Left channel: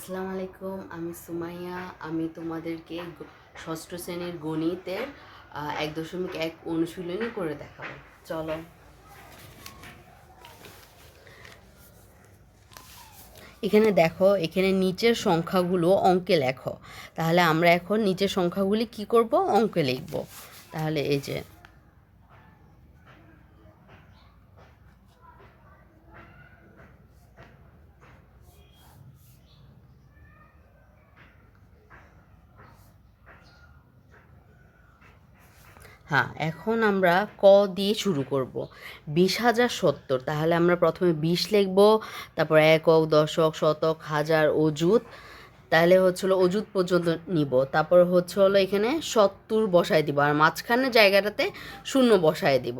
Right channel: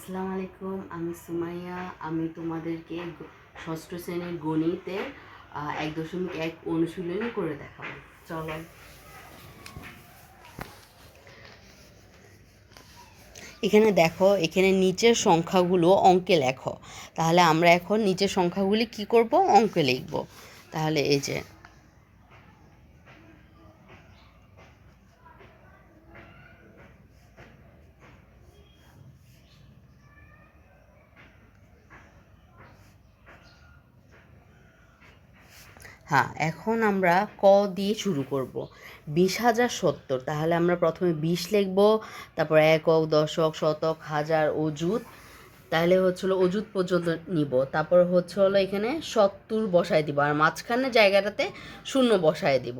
আসসালামু আলাইকুম, আমি সুমাইয়া। আমি তোমাদেরকে ষষ্ঠ শ্রেণীর গণিতের 1.1 অনুশীলনী করে দেখাবো। চলো। এখানে দেখো, এখানে নিচের সংখ্যাগুলো অঙ্কে লেখো। তাহলে আমরা এখন নিচের সংখ্যাগুলি কি করব? অঙ্কে লিখব। তাহলে এই যে হ্যাঁ, এখন আমরা ক দিয়ে শুরু করব। 20,070। তাহলে আমরা প্রথমে 20 লিখব, তারপর একক, দশক, শতক, হাজার, অযুত। তাহলে হচ্ছিলো অযুত পর্যন্ত নিব। তারপর হলো এখানে 70 বসায় দিব, আর মাঝখানে জায়গাটাতে শূন্য বসায় দিব।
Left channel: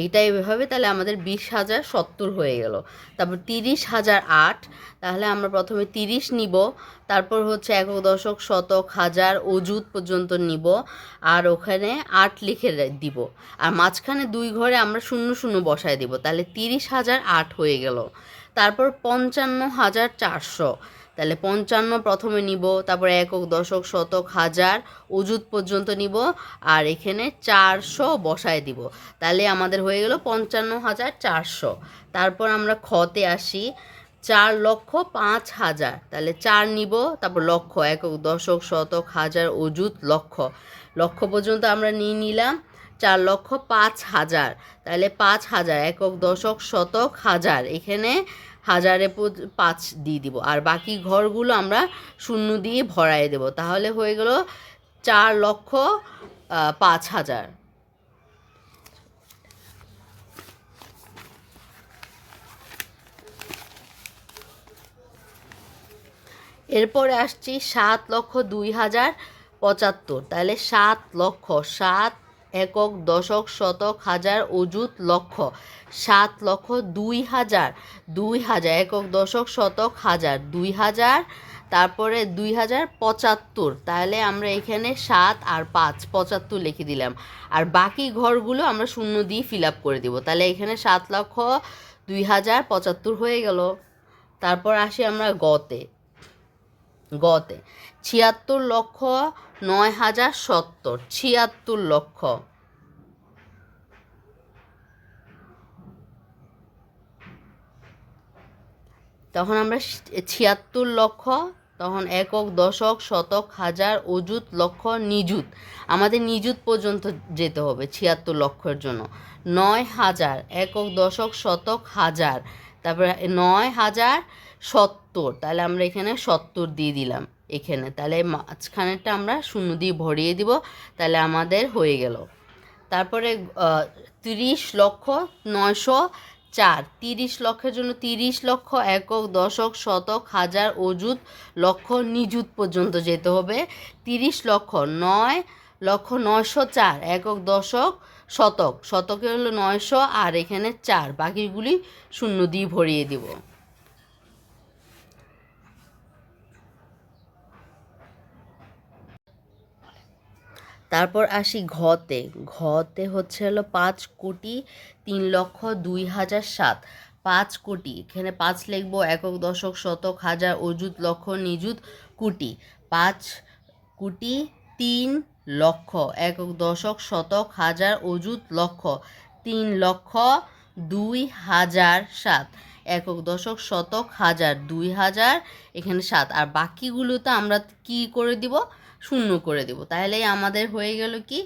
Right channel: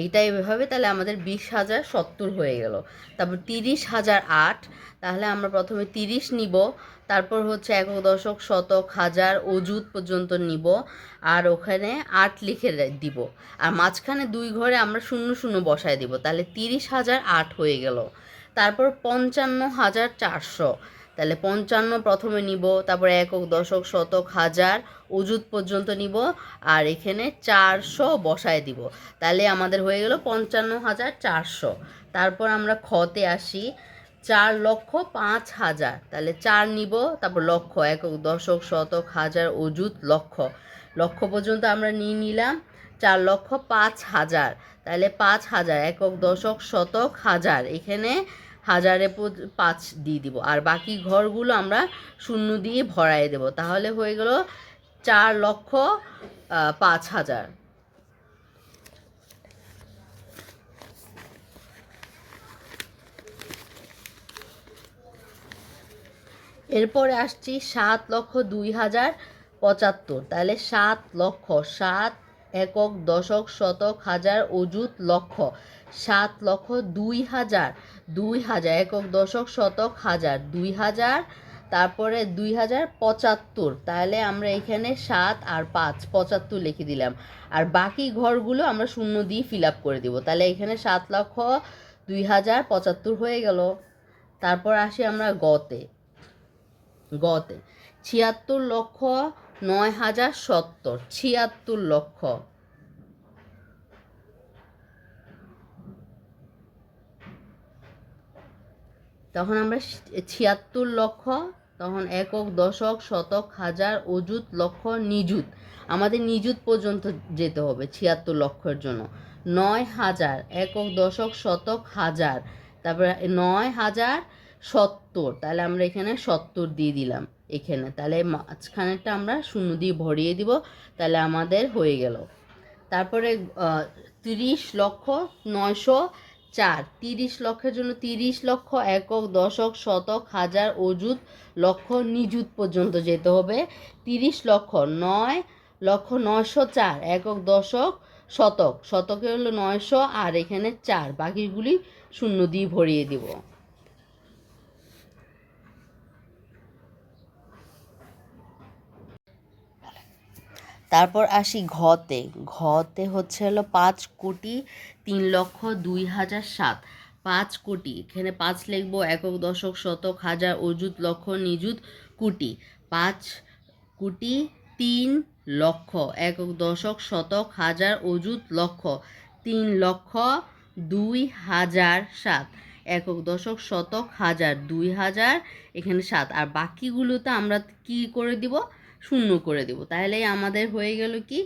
এইটাই এভাবে। তাহলে আমাদের 20,070 হয়ে গেল। তারপর 30,008। তাহলে আমরা প্রথমে 30 নিব, তারপর হচ্ছে একক, দশক, শতক, হাজার, অযুত পর্যন্ত নিব, আর ওখানে 8 লিখে দিব, আর মাঝখানে 2 ঘরে আমরা শূন্য শূন্য বসায় দিব। তাহলে 30,008 হয়ে গেল। তারপর 55,400। তাহলে 55 প্রথমে নিব, তারপর একক, দশক, শতক, হাজার, অযুত পর্যন্ত নিব, আর এখানে 400 বসায় দিব। তাহলে আমাদের হয়ে গেল 55,400। তারপর আমরা খতে আসি। 4,05,000। তাহলে 4 নিব, তারপর লক্ষ, একক, দশক, শতক, হাজার, অযুত, লক্ষ। লক্ষ পর্যন্ত আমরা নিয়ে নিলাম। 4,05,000। তাহলে 5,000, একক, দশক, শতক, হাজার। এখানে হাজারে 5 দিয়ে দিব, আর বাকি ঘরগুলো আমরা শূন্য দিয়ে ভরাই দেব। তাহলে হয়ে গেল 4,05,000। এরপরে আসছি 7,02,075। তাহলে 7 লক্ষ, 7 একক, দশক, শতক, হাজার, অযুত, লক্ষ। 7,02,000, 2,000 একক, দশক, শতক, হাজার, 2,000। তারপরে 2,075। তাহলে আমরা এখানে 7 আর 5, 75 লিখে দিলাম, আর বাকি ঘরগুলো আমরা শূন্য দিয়ে ফিল আপ করে দিব। তাহলে এখানে 7,02,075 হয়ে গেল। তারপর আসি আমরা গতে। 76,09,070। 76 লক্ষ। তখন আমরা 76 লক্ষ, তখন একক, দশক, শতক, হাজার, অযুত, লক্ষ, নিযুত। আমাদের নিযুত পর্যন্ত যেতে হবে 76 লক্ষের জন্য। 9,000, একক, দশক, শতক, হাজার। তারপরে 9,070। তাহলে আমরা এখানে 70 দিয়ে দিলাম এখানে। তাহলে মাঝখানেরটা আমরা শূন্য দিয়ে ভরিয়ে দিব। তাহলে আমাদের হয়ে গেল। তারপরে 30,09,004। 30 লক্ষের জন্য 30 লক্ষ, একক, দশক, শতক, হাজার, অযুত, লক্ষ, নিযুত পর্যন্ত যেতে হবে। 30,09,004, একক, দশক, শতক। শতকে হলো 900, আর এখানে 4, বাকিগুলি শূন্য দিয়ে ভরিয়ে দিব। তারপর আসি ঘতে। ঘতে হলো 5,03,02,007। 5 কোটি, এখানে 5 লিখবো, একক, দশক, শতক, হাজার, অযুত, লক্ষ, নিযুত, কোটি। 5,03,00,000, একক, দশক, শতক, হাজার, অযুত, লক্ষ। 3,02,007, একক, দশক, শতক, হাজার, 2,000, এখানে 7, আর বাকিগুলোতে আমরা কি করে দিব? শূন্য করে দেব। তাহলে আমাদের হয়ে গেল কি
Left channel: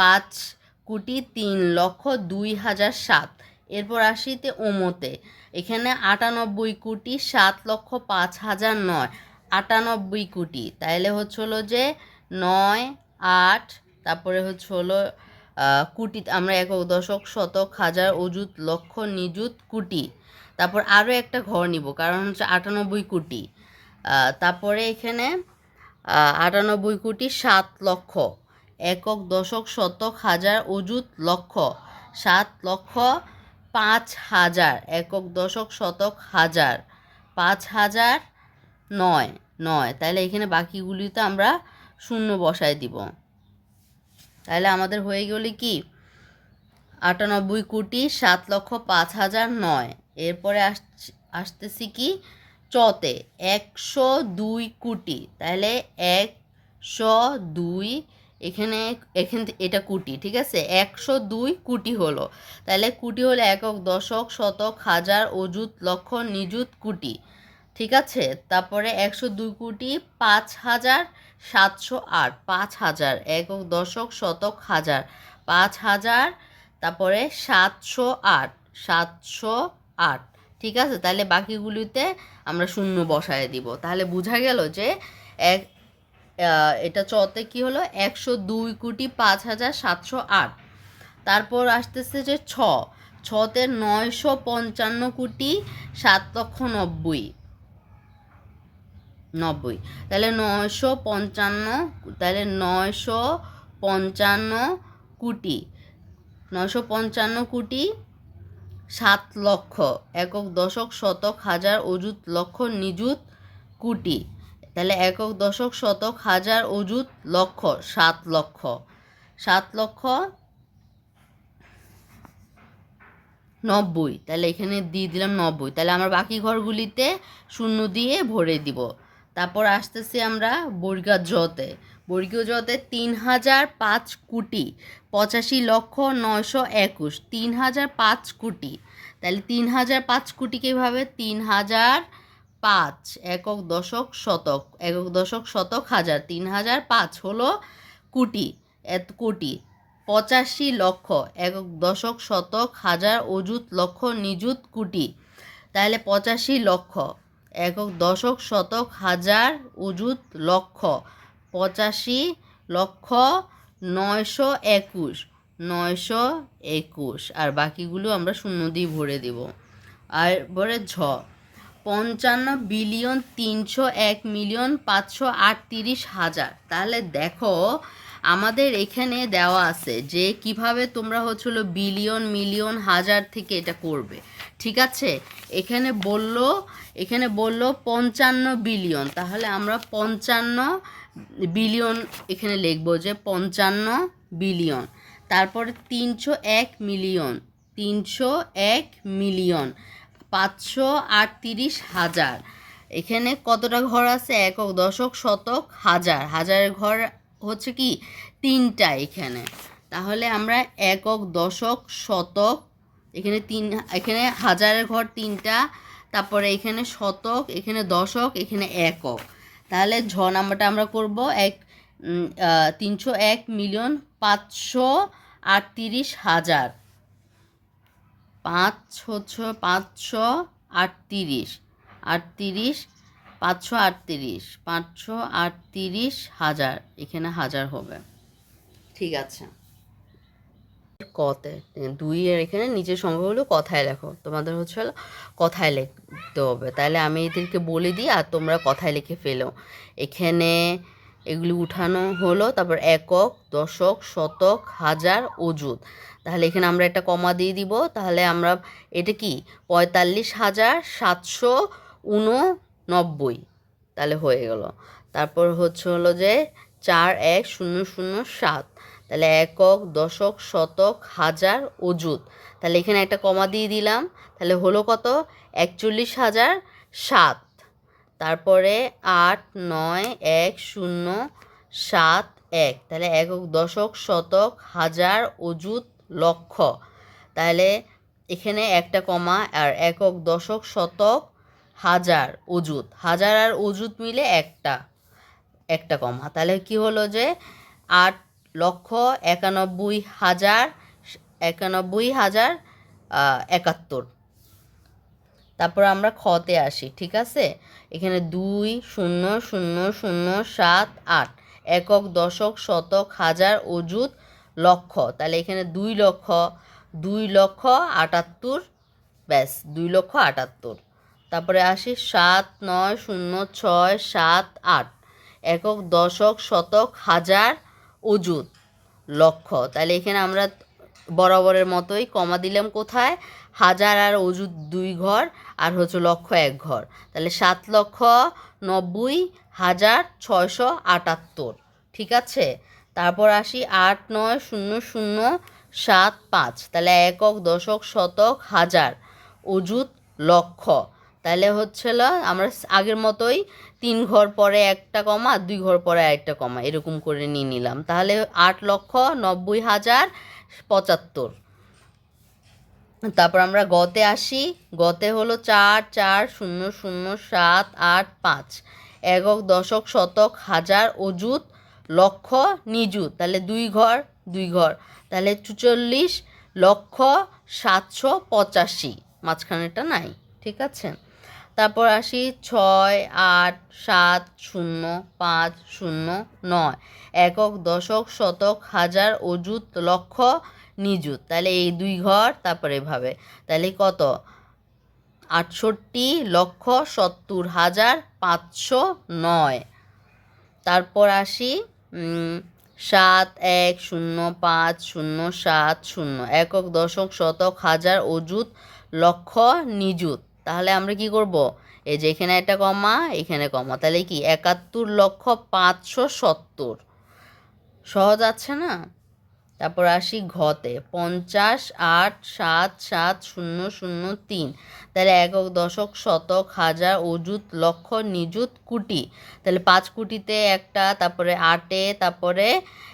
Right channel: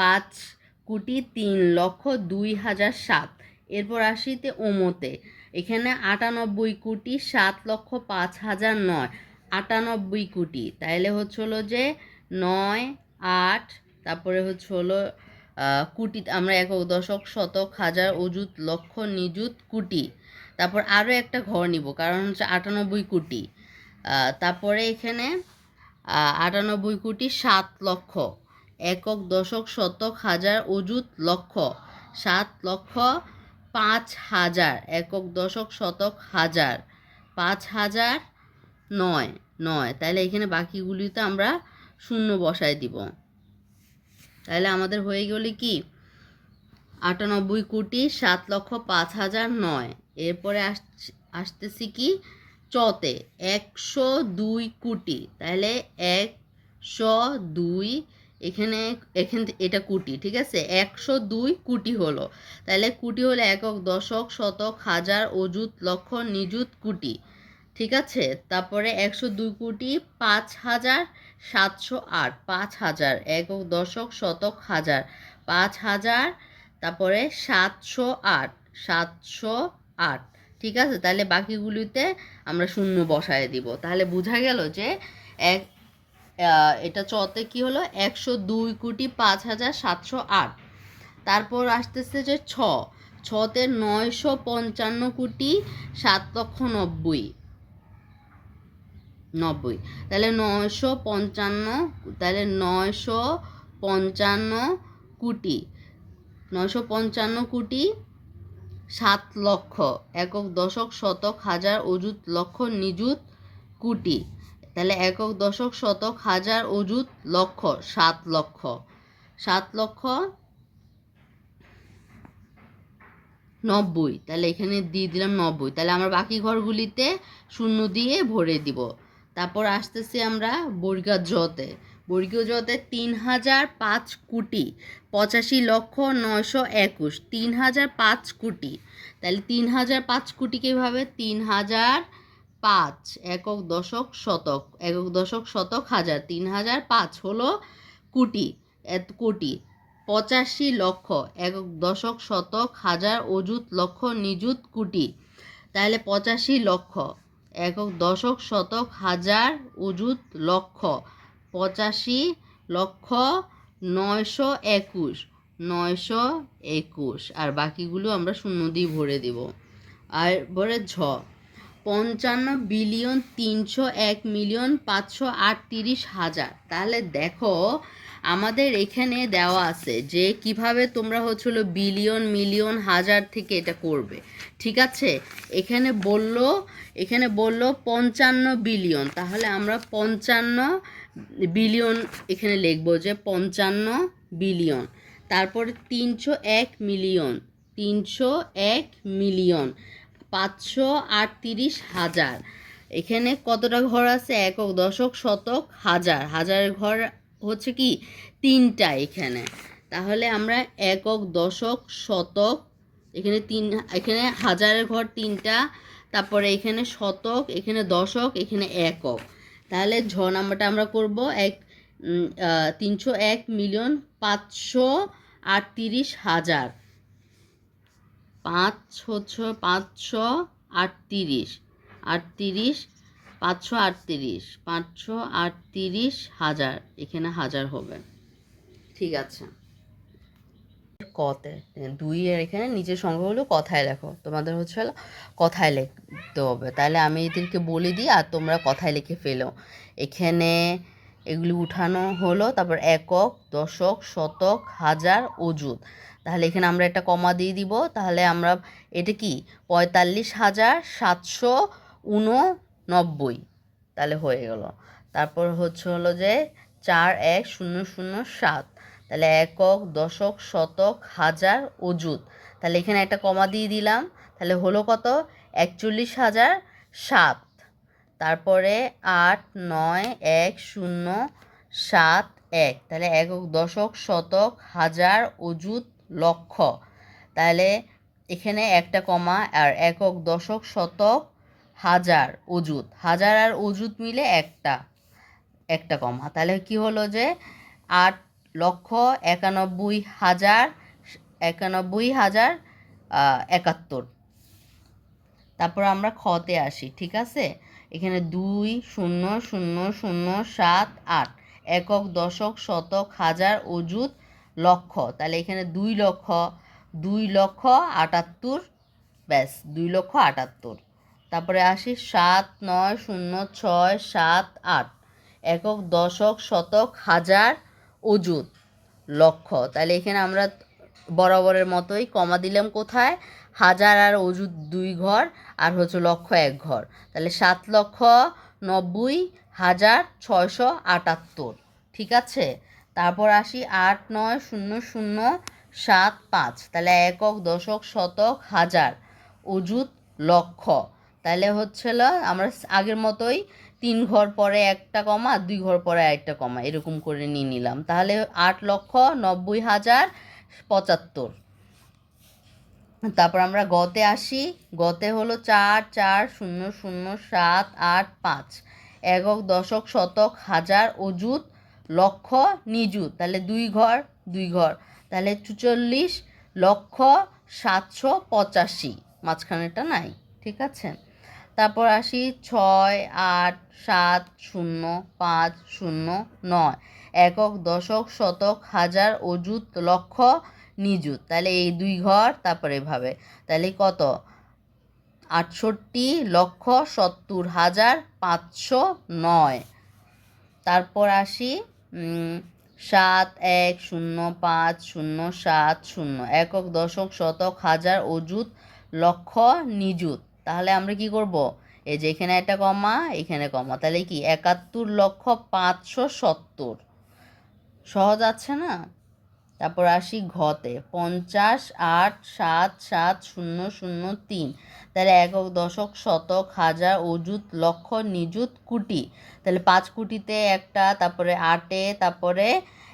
5,03,02,007। এরপর আসিতে ওমতে। এখানে 98,07,05,009। 98 কোটি। তাহলে হলো যে 9, 8, তারপরে হলো কোটি। আমরা একক, দশক, শতক, হাজার, অযুত, লক্ষ, নিযুত, কোটি। তারপর আরও একটা ঘর নিব, কারণ হচ্ছে 98 কোটি। তারপরে এখানে 98,07,00,000, একক, দশক, শতক, হাজার, অযুত, লক্ষ। 7,05,000, একক, দশক, শতক, হাজার। 5,009। তাহলে এখানে বাকিগুলিতে আমরা শূন্য বসায় দিব। তাহলে আমাদের হয়ে গেল কি 98,07,05,009। এরপরে আসতেছি কি চতে 102 কোটি, তাহলে 102, এখানে এটা কোটি, ঠিক আছে, 102 কোটি হলো। তাহলে কোটি হলো একক, দশক, শতক, হাজার, অযুত, লক্ষ, নিযুত, কোটি, ঠিক আছে। তারপরে 102 কোটি 5,708, 5,000 একক, দশক, শতক, হাজার, 5,000, তারপরে 708, 708, ঠিক আছে। তাহলে বাকিগুলিতে আমরা শূন্য বসায় দিব। তাহলে বোঝা গেল যে এটা চতে কি হলো 102 কোটি 5,708। তারপর আসতেছে যে ছতে 955 কোটি 7,90,000, তাহলে 955, তাহলে 955 কোটি, 955 কোটি 7 লক্ষ একক, দশক, শতক, হাজার, অযুত, লক্ষ, নিযুত, কোটি। তাহলে একক, দশক, শতক, হাজার, অযুত, লক্ষ, 7 লক্ষ, 7,90,000। তাহলে এখানে দিয়ে দিলাম 90। তাহলে আমরা বাকি ঘরগুলিতে শূন্য দিয়ে ভরে দিব। তারপর আসতেছি আমরা বর্গীয় জতে। বর্গীয় জতে 3,005 কোটি 85,921, 3,005 কোটি। তাহলে 3,005 কোটি কীভাবে? 3,005 একক, দশক, শতক, একক, দশক, শতক, হাজার, 3,005 হলো কোটি, কোটি 85 লক্ষ একক, দশক, শতক, হাজার, অযুত, লক্ষ, নিযুত, কোটি। তাহলে 85 লক্ষ একক, দশক, শতক, হাজার, অযুত, লক্ষ, 85 লক্ষ 921, 921। আর বাকিগুলো আমরা শূন্য দিয়ে ভরে দেব। আর পরে 55,301,538,000। তাহলে দেখো আমাদের এখানে দেওয়া আছে যে কিভাবে তোমরা হচ্ছিল বিলিয়ন, মিলিয়ন, হাজার থেকে এটা করবে, ঠিক আছে। এখানে বললো 55 বিলিয়ন, তাহলে আমরা 55 বিলিয়ন এখানে লিখবো যে 55 বিলিয়ন। তারপরে 301 মিলিয়ন, 301 মিলিয়ন 538,000। এখানে কতটা ঘর আছে? একক, দশক, শতক, হাজার, হাজারের ঘর হচ্ছে কি 3টা এখানে। তাহলে আমরা একক, দশক, শতক, এখানে এখানে হাজারের ঘর 3টা, তারপরে এখানে শতক, এখানে দশক, এখানে একক। তাহলে নাম্বারটা আমরা করব 301,538,000, 5 হচ্ছে 538, 538,000, এখানে হাজার হবে, ঠিক আছে। কতে 2 এর এখানে নিচের সংখ্যাগুলো কথায় লেখো, তোমাদের হচ্ছে কথায় লিখতে হবে। তাহলে আমি এদেরকে বলে দিই আর তোমরা কথায় লিখে ফেলো। এখানে এগুলি উঠানো হলো, তারপর একক, দশক, শতক, হাজার, অযুত। তাহলে এখানে আমরা একটা কমা দিয়ে দিব। তাহলে আমরা এটা কি 45,789, তাহলে হয়ে গেল। তারপর হলো যে 41,007, তাহলে একক, দশক, শতক, হাজার, অযুত। তাহলে এখানে একটা কমা দিয়ে দিলাম, তাহলে হলো কত? 41,007। তারপরে 8,9,1,0,7,1, তাহলে একক, দশক, শতক, হাজার, অযুত, লক্ষ। তাহলে এখানে একটা কমা, আর একক, দশক, শতক, হাজার, অযুত, হাজার আর অযুত মিলে একটা কমা। তাহলে কি হলো যে 8,91,071। তারপর আমরা খতে আসি, ঠিক আছে। এখানে 2,0,0,0,7,8 একক, দশক, শতক, হাজার, অযুত, লক্ষ। তাহলে এখানে 2,78,000, ব্যাস 2,78,000। তারপরে আসি 7,9,0,6,7,8 একক, দশক, শতক, হাজার, অযুত, লক্ষ। তাহলে এখানে আমরা বরাবরের মতোই কমা দিলাম কোথায়? হাজার আর অযুত 2 ঘর, আর হচ্ছে লক্ষ 1 ঘর। তাহলে 7,90,678, ঠিক আছে। তারপর আসি 8,9,0,0,7,5, তাহলে একক, দশক, শতক, হাজার, অযুত, লক্ষ। তাহলে হচ্ছিল আমরা আগের মতোই 3 ঘর পরে একটা কমা, 2 ঘর পরে আরেকটা কমা, এরকম করে নিয়ে নিলাম। তাহলে 8,90,075। তারপর আমরা গতে আসি। গতে হলো 4,4,0,0,7,8,5 একক, দশক, শতক, হাজার, অযুত, লক্ষ, নিযুত। তাহলে 2 ঘর 2 ঘর, তাহলে 44,785। মাঝখানেটা নাই, ঠিক আছে। তারপর আসি 6,8,7,0,5,0,9 একক, দশক, শতক, হাজার, অযুত, লক্ষ, নিযুত। তাহলে এই 2 ঘর, তারপর এভাবে। তাহলে কত? 68,70,509। তারপর আসি 7,1,0,5,0,7,0 একক, দশক, শতক, হাজার, অযুত, লক্ষ, নিযুত। তাহলে আমরা কি করব? এই যে এখানে একটা কমা, এখানে কমা, তাহলে কি 71,570। সহজ আছে না? তারপর আসি ঘতে 50,8,7,7,0,0,3। তাহলে একক, দশক, শতক, হাজার, অযুত, লক্ষ, নিযুত, কোটি। তাহলে 5 কোটিতে একটা, তারপরে 8-এ, তারপরে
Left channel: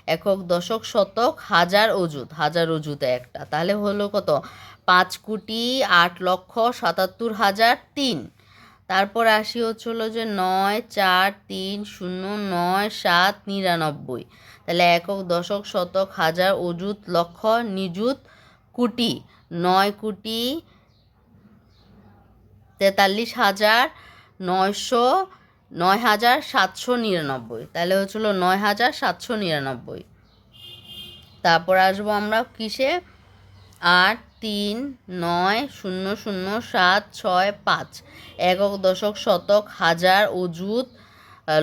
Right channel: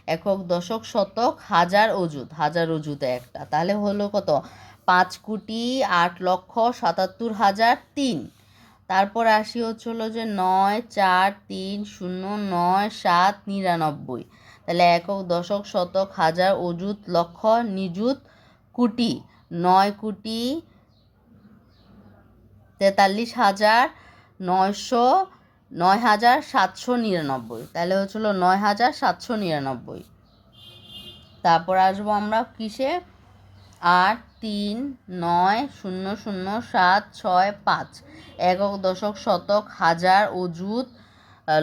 একক, দশক, শতক, হাজার, অযুত, হাজার অযুতে একটা। তাহলে হলো কত? 5,08,77,003। তারপর আসি হচ্ছিল যে 9,4,3,0,9,7,99। তাহলে একক, দশক, শতক, হাজার, অযুত, লক্ষ, নিযুত, কোটি। 9,43,9,799। তাহলে হচ্ছিল 9,799। তারপর আসবো আমরা কিসে? 8,3,9,0,0,7,6,5 একক, দশক, শতক, হাজার, অযুত,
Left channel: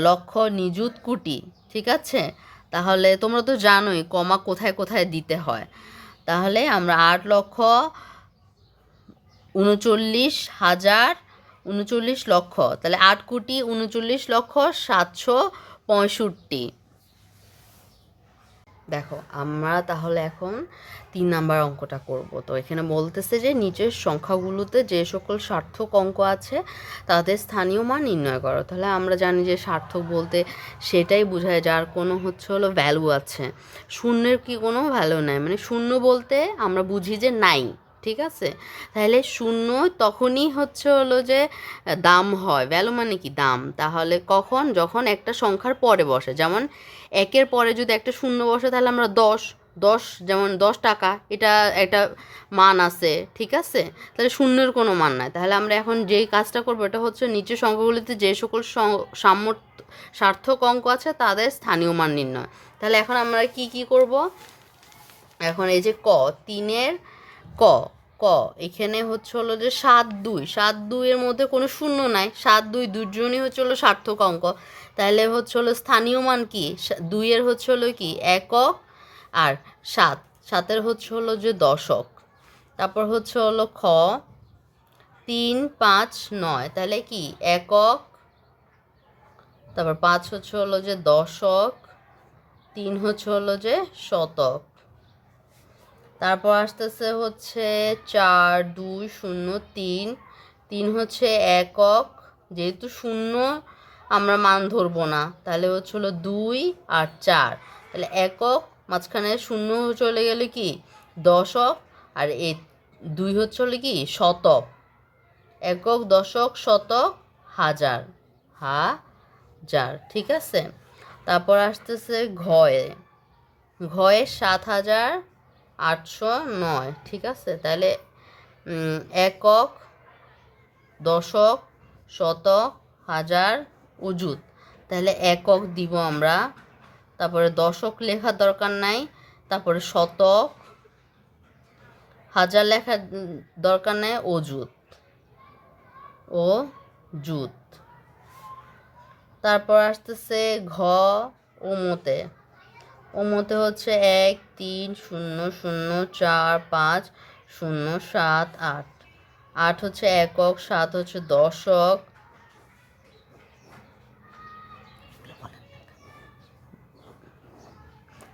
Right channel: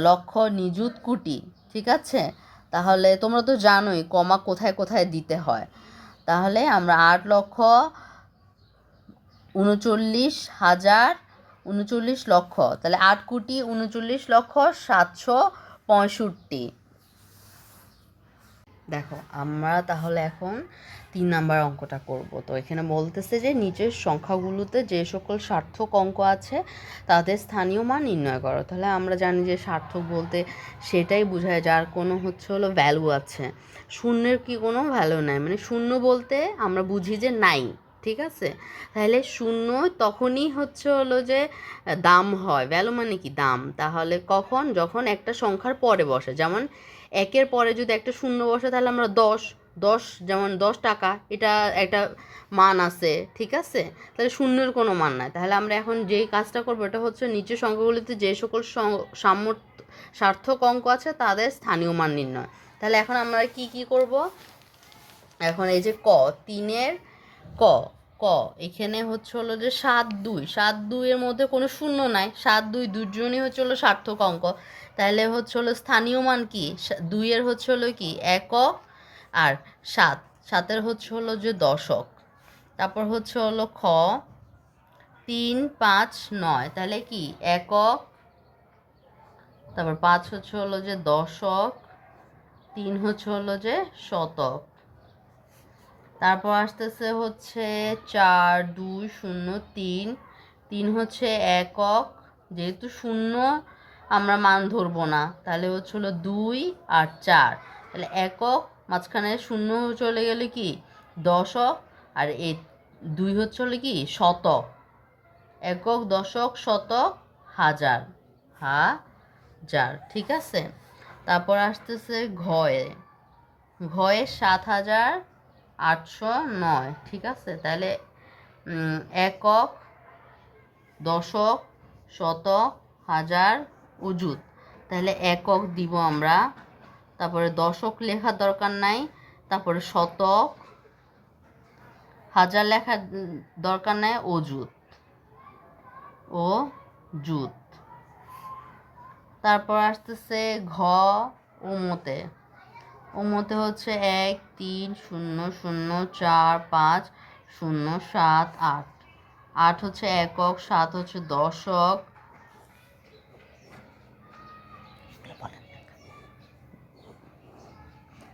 লক্ষ, নিযুত, কোটি। ঠিক আছে। তাহলে তোমরা তো জানোই কমা কোথায় কোথায় দিতে হয়। তাহলে আমরা 8,39,000,039 তাহলে 8,39,765। দেখো আমরা তাহলে এখন 3 নাম্বার অঙ্কটা করব। তো এখানে বলতেছে যে নিচের সংখ্যাগুলোতে যে সকল সার্থক অঙ্ক আছে তাদের স্থানীয় মান নির্ণয় করো। তাহলে আমরা জানি যে সার্থক বলতে সেটাই বোঝায় যার কোনো হলো ভ্যালু আছে। শূন্যের কি কোনো ভ্যালু নাই, মানে শূন্য বলতে আমরা বুঝি যে নাই, ঠিক আছে। তাহলে শূন্য তখনই হলো যে দাম হয়, ভ্যালু মানে কি দাম। তাহলে কখন? যখন একটা সংখ্যার পরে বসে। যেমন 1-এর পরে যদি একটা শূন্য বসে তাহলে আমরা 10, যেমন 10 টাকা, এটা একটা মান আছে, ঠিক আছে। তাহলে শূন্যের কোনো মান নাই। তাহলে আমরা এখন যেই কাজটা করবো এটা হচ্ছে নিচের সংখ্যাগুলিতে যে সকল সার্থক অঙ্ক আছে তাদের স্থানীয় মান নির্ণয়। তাহলে এখন আমরা কি কি করব? এখন এই যে 3-এর ক ক এখানে হলো যে 7-2 এর মধ্যে কোনো শূন্য নাই। 7-2 দুজনই হলো সার্থক অঙ্ক। তাহলে হলো স্থানীয় মান কি? 2-এর হলো কি একক, আর 7-এর হলো যে দশক। তারপর হলো খ 3, 5, 9 তাহলে কি একক, তারপর 5 হলো যে দশক, 3 হলো যে শতক। তারপর আসতেছে 4, 2, 0, 3, 3 হচ্ছে একক, যেহেতু শূন্য আমরা মান ধরবো না তাহলে হলো 2 আর 4। তাহলে একক, মাঝখানে শূন্য চলে গেলে কি দশক, আর এই 2 হলো কি শতক। একক, দশক, শতক, হাজার, হাজার, ঠিক আছে। তারপর আসতেছে ঘয়ে 7,809, ঠিক আছে। তাহলে একক, দশক, শতক, হাজার, অযুত। তাহলে একক দিব আমরা, তারপরে দশক লেখার দরকার নাই, তারপরে শতক, হাজার লেখার দরকার নাই, অযুত, অযুত। তারপর আসতেছে ঘ ওমতে 1, 3, 0, 0, 4, 5, 0, 7, 8। 8 হচ্ছে একক, 7 হচ্ছে দশক,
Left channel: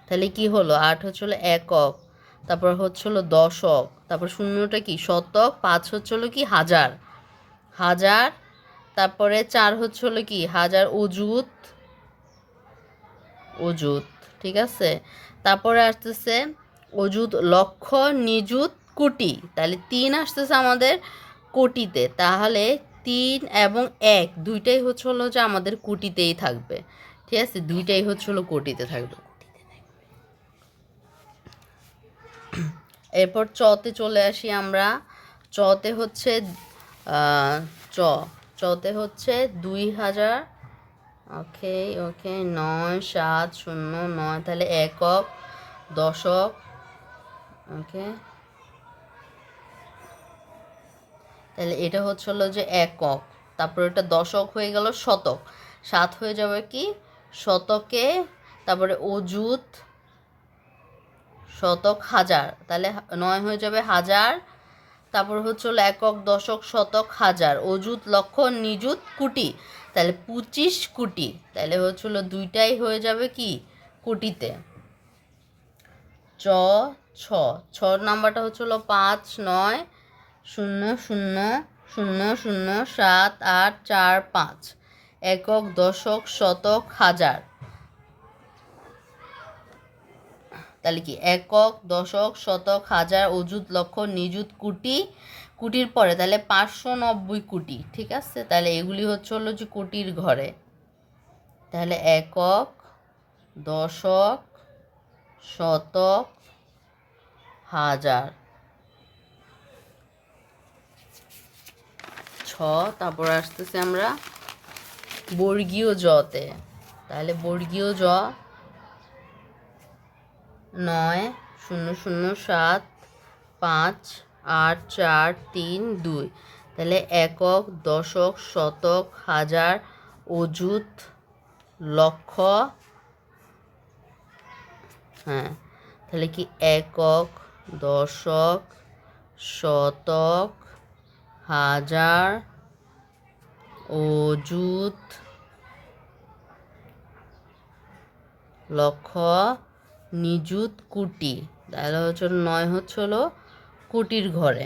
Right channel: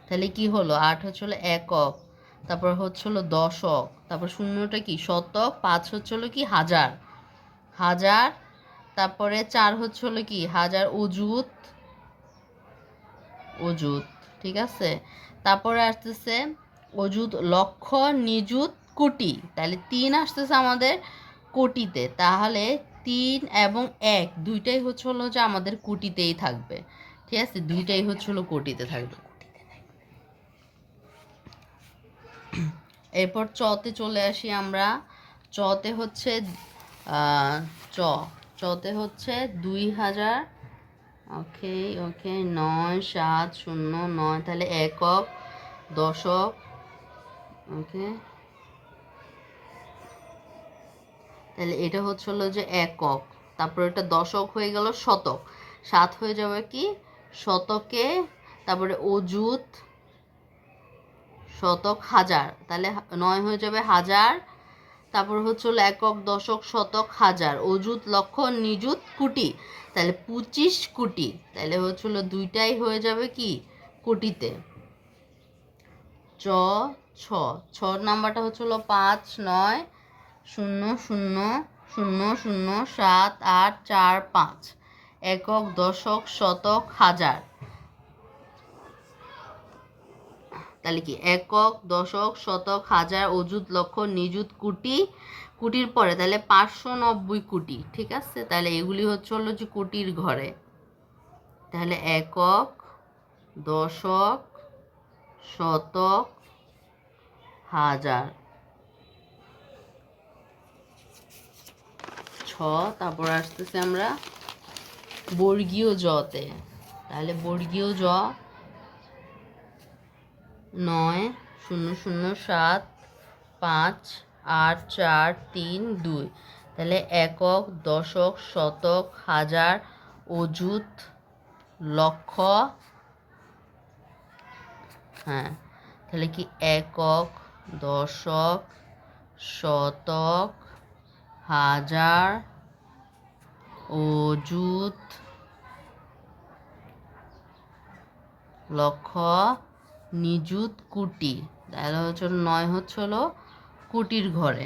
তাহলে কি হলো? 8 হলো একক, তারপর হলো দশক, তারপর শূন্যটা কি শতক, 5 হলো কি হাজার, হাজার, তারপরে 4 হচ্ছে হলো কি হাজার অযুত, অযুত, ঠিক আছে। তারপরে আসতেছে অযুত লক্ষ, নিযুত কোটি, তাহলে 3 আসতেছে আমাদের কোটিতে, তাহলে 3 এবং 1 দুইটাই হচ্ছে হলো যে আমাদের কোটিতেই থাকবে, ঠিক আছে, দুইটাই হচ্ছে হলো কোটিতে থাকবে। এরপর চতে চলে আসি আমরা। চতে হচ্ছে আহ, চ চতে হচ্ছে 2000, ওকে ওকে, 9709, তাহলে একক, দশক, ওকে, তাহলে এটা হচ্ছে হলো যে একক, তারপর এটা দশক হয়ে গেল, শতক, 7 হয়ে যাবে কি শতকে, তারপরে অযুত, শতক, হাজার, তাহলে 9 হয়ে যাবে হাজার, তারপর হচ্ছে হলো একক, দশক, শতক, হাজার, অযুত, লক্ষ, নিযুত, কোটি, তাহলে 25 কোটি, তাহলে হচ্ছে হলো দুইটাই হয়ে যাবে কি কোটিতে। চ ছ ছ নাম্বারটা হচ্ছে হলো 5 9 0 0 0 0 7 8 4 5, একক, দশক, শতক, হাজার, তাহলে কি একক, দশক, শতক, হাজার, অযুত, লক্ষ, নিযুত, কোটি, কোটির পরে তাহলে 590 কোটি, ঠিক আছে। তাহলে এগুলি হচ্ছে হলো যে কোটির ঘরে, তাহলে একক, দশক, শতক, হাজার, ছ। তারপর আসতেছে আমরা বর্গীয় জতে, তাহলে বর্গীয় জ 9 0 0 7 5 8 4 3 2, তাহলে একক, দশক, শতক, হাজার, অযুত, লক্ষ, হ্যাঁ, তাহলে কি একক, দশক, শতক, হাজার, অযুত, লক্ষ, নিযুত, কোটি, তাহলে হচ্ছে 9 হচ্ছে হলো কোটির ঘরে।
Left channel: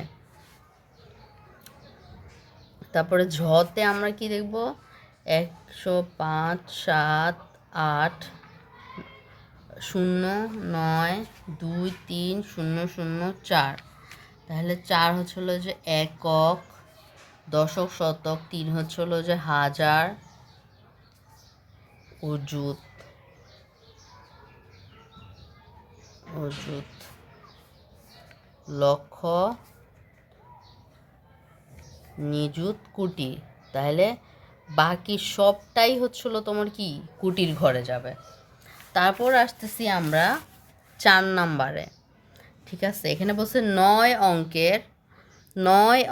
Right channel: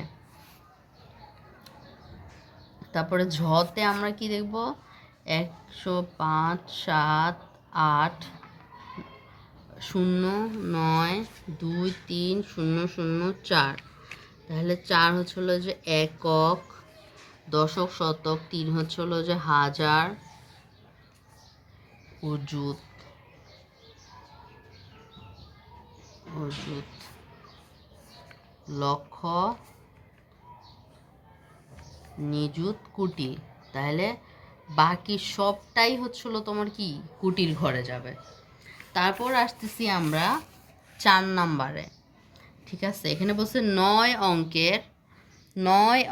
তারপরে ঝতে আমরা কি দেখব 105 7 8 0 9 2 3 0 0 4, তাহলে 4 হচ্ছে হলো যে একক, দশক, শতক, 3 হচ্ছে হলো যে হাজার, অযুত, অযুত, লক্ষ, নিযুত, কোটি, তাহলে বাকি সবটাই হচ্ছিল তোমার কি কোটির ঘরে যাবে। তারপর আসতেছি আমরা 4 নাম্বারে, ঠিক আছে। এখানে বলছে 9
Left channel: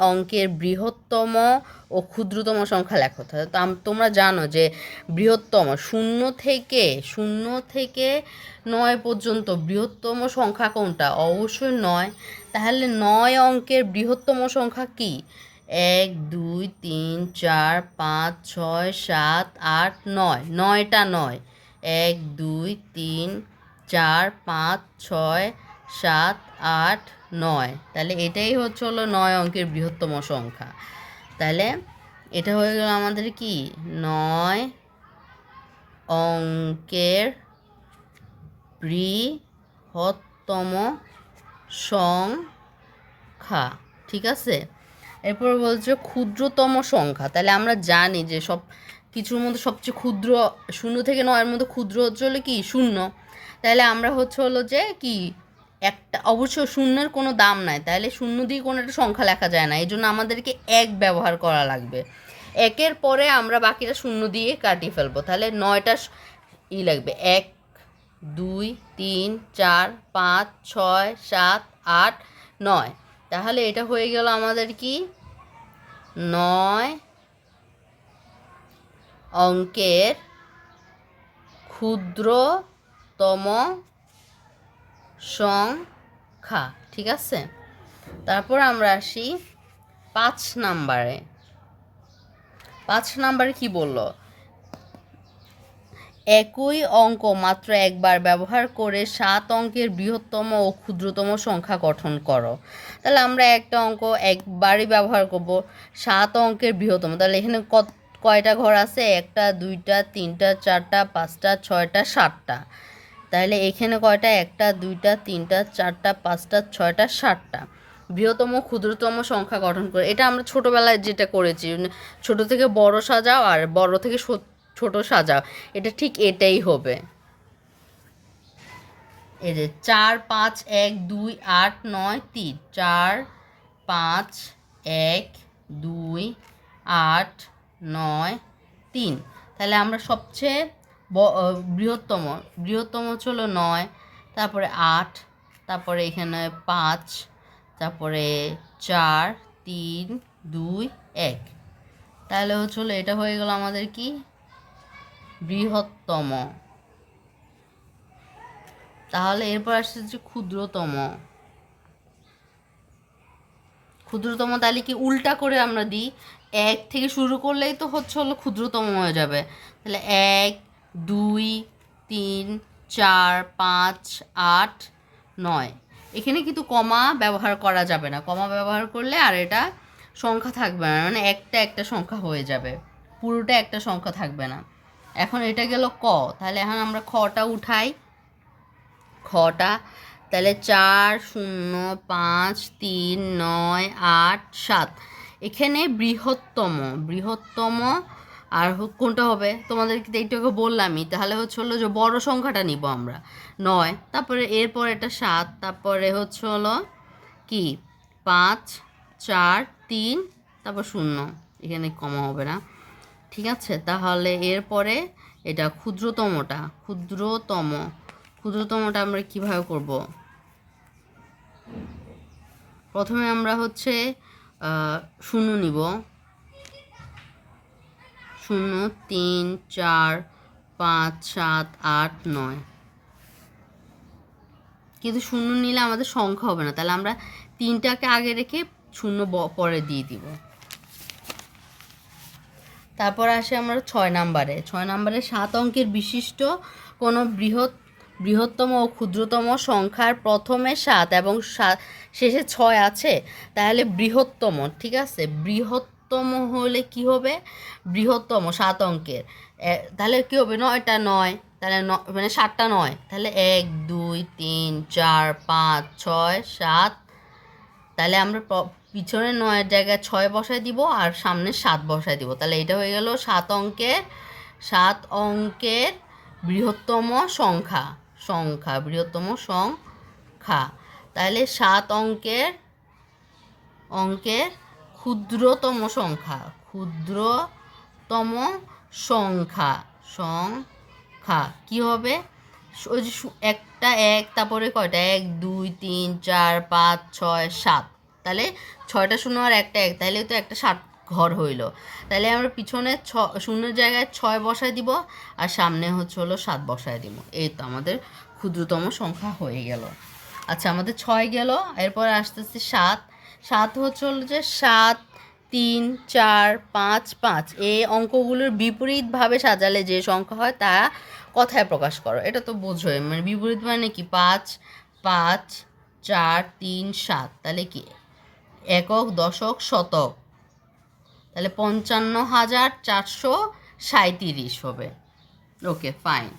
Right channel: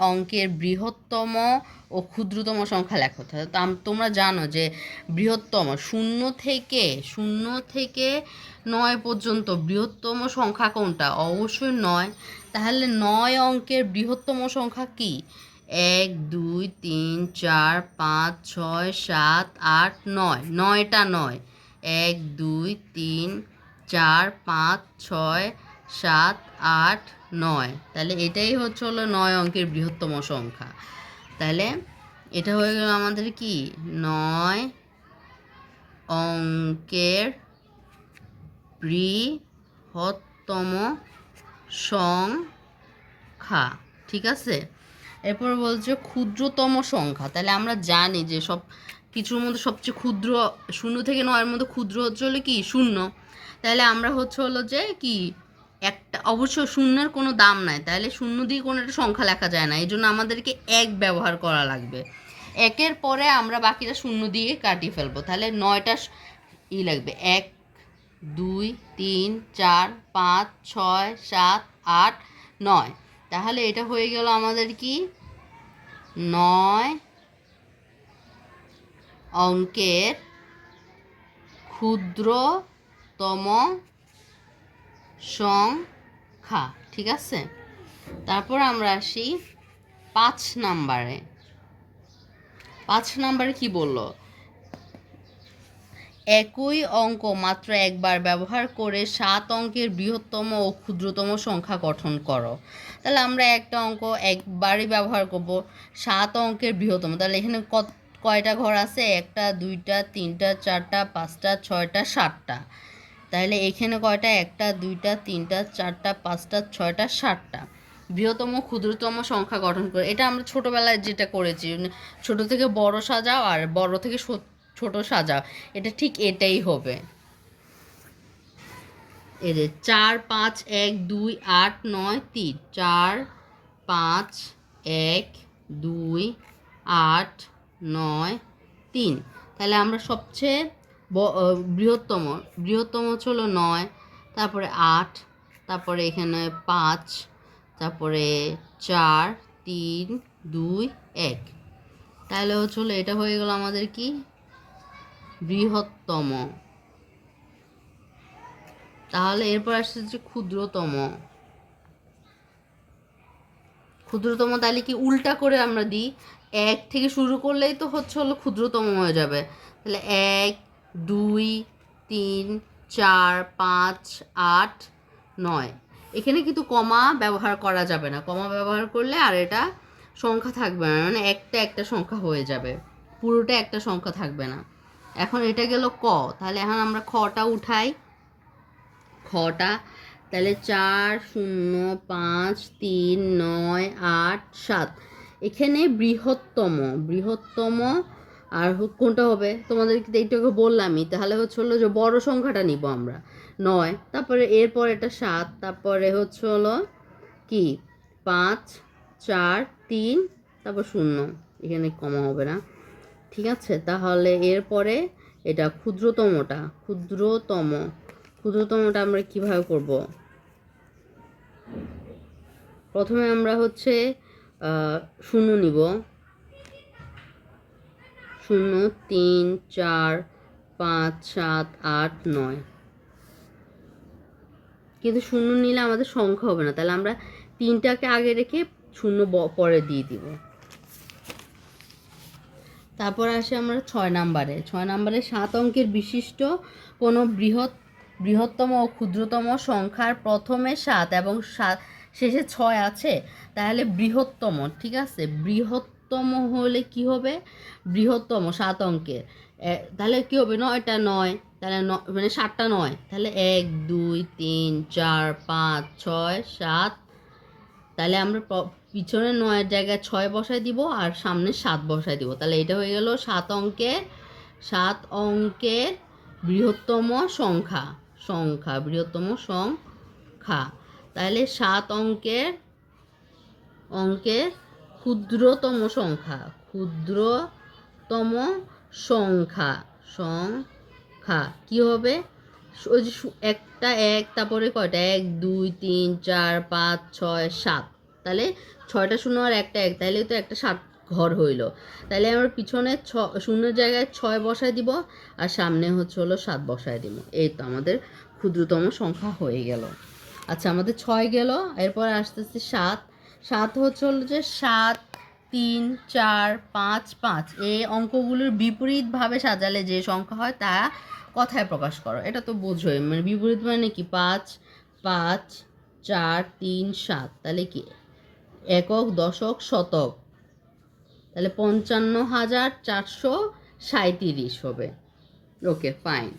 অঙ্কের বৃহত্তম ও ক্ষুদ্রতম সংখ্যা লেখো। তোমরা জানো যে বৃহত্তম শূন্য থেকে 9 পর্যন্ত বৃহত্তম সংখ্যা কোনটা, অবশ্যই 9। তাহলে 9 অঙ্কের বৃহত্তম সংখ্যা কি, 1 2 3 4 5 6 7 8 9, 9টা 9, 1 2 3 4 5 6 7 8 9, তাহলে এটাই হচ্ছে হলো 9 অঙ্কের বৃহত্তম সংখ্যা। তাহলে এটা হয়ে গেল আমাদের কি 9 অঙ্কের বৃহত্তম সংখ্যা, ঠিক আছে। এরপর বলছে ক্ষুদ্রতম সংখ্যা, তাহলে আমরা জানি যে সব কিছুর মধ্যে সবচেয়ে ক্ষুদ্র 0 থেকে 9-এর মধ্যে ক্ষুদ্র হচ্ছে হলো কি 0, তাহলে আমরা হচ্ছে হলো যে কি একটা, অবশ্য শূন্যের কোনো দাম নাই, তাহলে 0 দিয়ে কোনো একটা সংখ্যা লেখা যায় না, এই জন্য আমাদেরকে 1 ব্যবহার করা লাগবে। 1-এর পরে আমরা বাকিটা 0 দিয়ে কাটিয়ে ফেলবো, তাহলে 9টা লাগবে, 1 2 3 4 5 6 7 8 9, তাহলে এটা হয়ে গেল আমাদের কি 9 অঙ্কের ক্ষুদ্রতম সংখ্যা, ঠিক আছে। তারপর আমরা আসি 5 নাম্বারে। 5 নাম্বারে কি বলল, একই অঙ্ক মাত্র একবার ব্যবহার করে 7 অঙ্কের বৃহত্তম ও ক্ষুদ্রতম সংখ্যা গঠন করো। তাহলে আমরা একটা অঙ্ক একবারই ব্যবহার করব, 7 অঙ্কের বৃহত্তম। তাহলে এখানে কয়টা ঘর আছে? 1টা 2টা 3টা 4টা 5টা 6টা 7টা। তাহলে এখানে কয়টা? 1টা 2টা 3টা 4টা 5টা 6টা 7টা। বৃহত্তম ক্ষুদ্রতম সংখ্যা গঠন করে, এটা আমরা ছোটোবেলায় যেটা করেছি, ছোট থেকে বড় সাজাও আর বড় থেকে ছোট সাজাও, এটা ঠিক এটাই হবে। এই যে 4 5 1 2 8 9 3, 4 5 1 2 8 9 3। তাহলে আমরা সবচেয়ে বৃহত্তম ছিল 9, তারপরে 8, তারপরে এখানে 5, তারপরে 4 3 2 1। তাহলে হচ্ছিল এটা হয়ে গেল আমাদের কি? বৃহত্তম। তাহলে এরপর আসছে যে ক্ষুদ্রতম। তাহলে কি উল্টা করে আমরা দিই, 1 থেকে শুরু করলেই তো হলো ক্ষুদ্রতম হয়ে যাবে। তাহলে 1 2 3 4 5 8 9। এখানে কিন্তু কমা ব্যবহার করা যাবে না, কমা ব্যবহার করলে আর এটা সংখ্যা থাকবে না, মানে একটা সংখ্যা হয়ে যাবে, পুরোটা একটা সংখ্যা থাকবে না। এখন এটা গেল ক। তাহলে এখন আমরা খটা উঠাই, খটা। তাহলে 4 0 5 3 9 8 7। এখানে বৃহত্তম আর কোনটা হবে তোমাদেরকে এইটাকে বললামই। তাহলে হলো যে বড় সংখ্যাটা নিব আমরা 9, তারপরে এরপর এটা 7, তারপরে হলো কি 5 4 3, তারপর 0, এখানে কমা হবে না, ঠিক আছে। তাহলে এরপরে এটা ক্ষুদ্রতমটা আমরা কিভাবে করব? প্রথমে আমরা 0 নিব, 0 3 4 5 7 8 9। কিন্তু 0 নিলে আমাদের সংখ্যা হবে না, তাহলে আমরা 3টাকে আগে রেখে 0 পরে দিয়ে দিব। তারপর আসে আমরা 6 নাম্বারে। 7 অঙ্কের বিশিষ্ট কোনো বৃহত্তম ও ক্ষুদ্রতম সংখ্যার প্রথমে 7 এবং শেষে 6 আছে, তাহলে বৃহত্তম, ঠিক আছে। বৃহত্তম হলে কি হবে? বৃহত্তম 7 অঙ্কের, তাহলে কি হবে? 9টা 9, তাহলে মানে 7টা 9, তাহলে 1 2 3 4 5 6 7। তাহলে আমরা পিছনে 9-এর জায়গায় 6 বসায় দিব আর সামনে 7 বসায় দিব। তাহলে এটা হয়ে গেল 7 অঙ্কের বৃহত্তম সংখ্যা। তাহলে 7 অঙ্কের ক্ষুদ্রতম সংখ্যা কি হবে? ওই যে একটা 1, তারপরে কয়টা? 1 2 3 4 5 6 7। তাহলে 6টা 0 আর একটা 1, তাহলে তো একটা 7 ঘর হইল। তাহলে আমরা পিছনে 0-এর জায়গায় 6 বসায় দিব আর সামনে হলো 7 বসায় দিব। এই তো আমাদের ক্ষুদ্রতম সংখ্যা হয়ে গেল। আচ্ছা, আমাদের 6 গেল, এরপর আসতেছে 7 হলো যে 7 3 4 5 5। এই অঙ্কগুলোর বিপরীতভাবে সাজালে যে সংখ্যা হয় তা কথায় প্রকাশ করো। এটা তো বোঝোই, মানে বিপরীত মানে কি? 5 5 4 3 7। তাহলে কি একক দশক শতক, তাহলে 55,437 হবে। ওকে, ফাইন।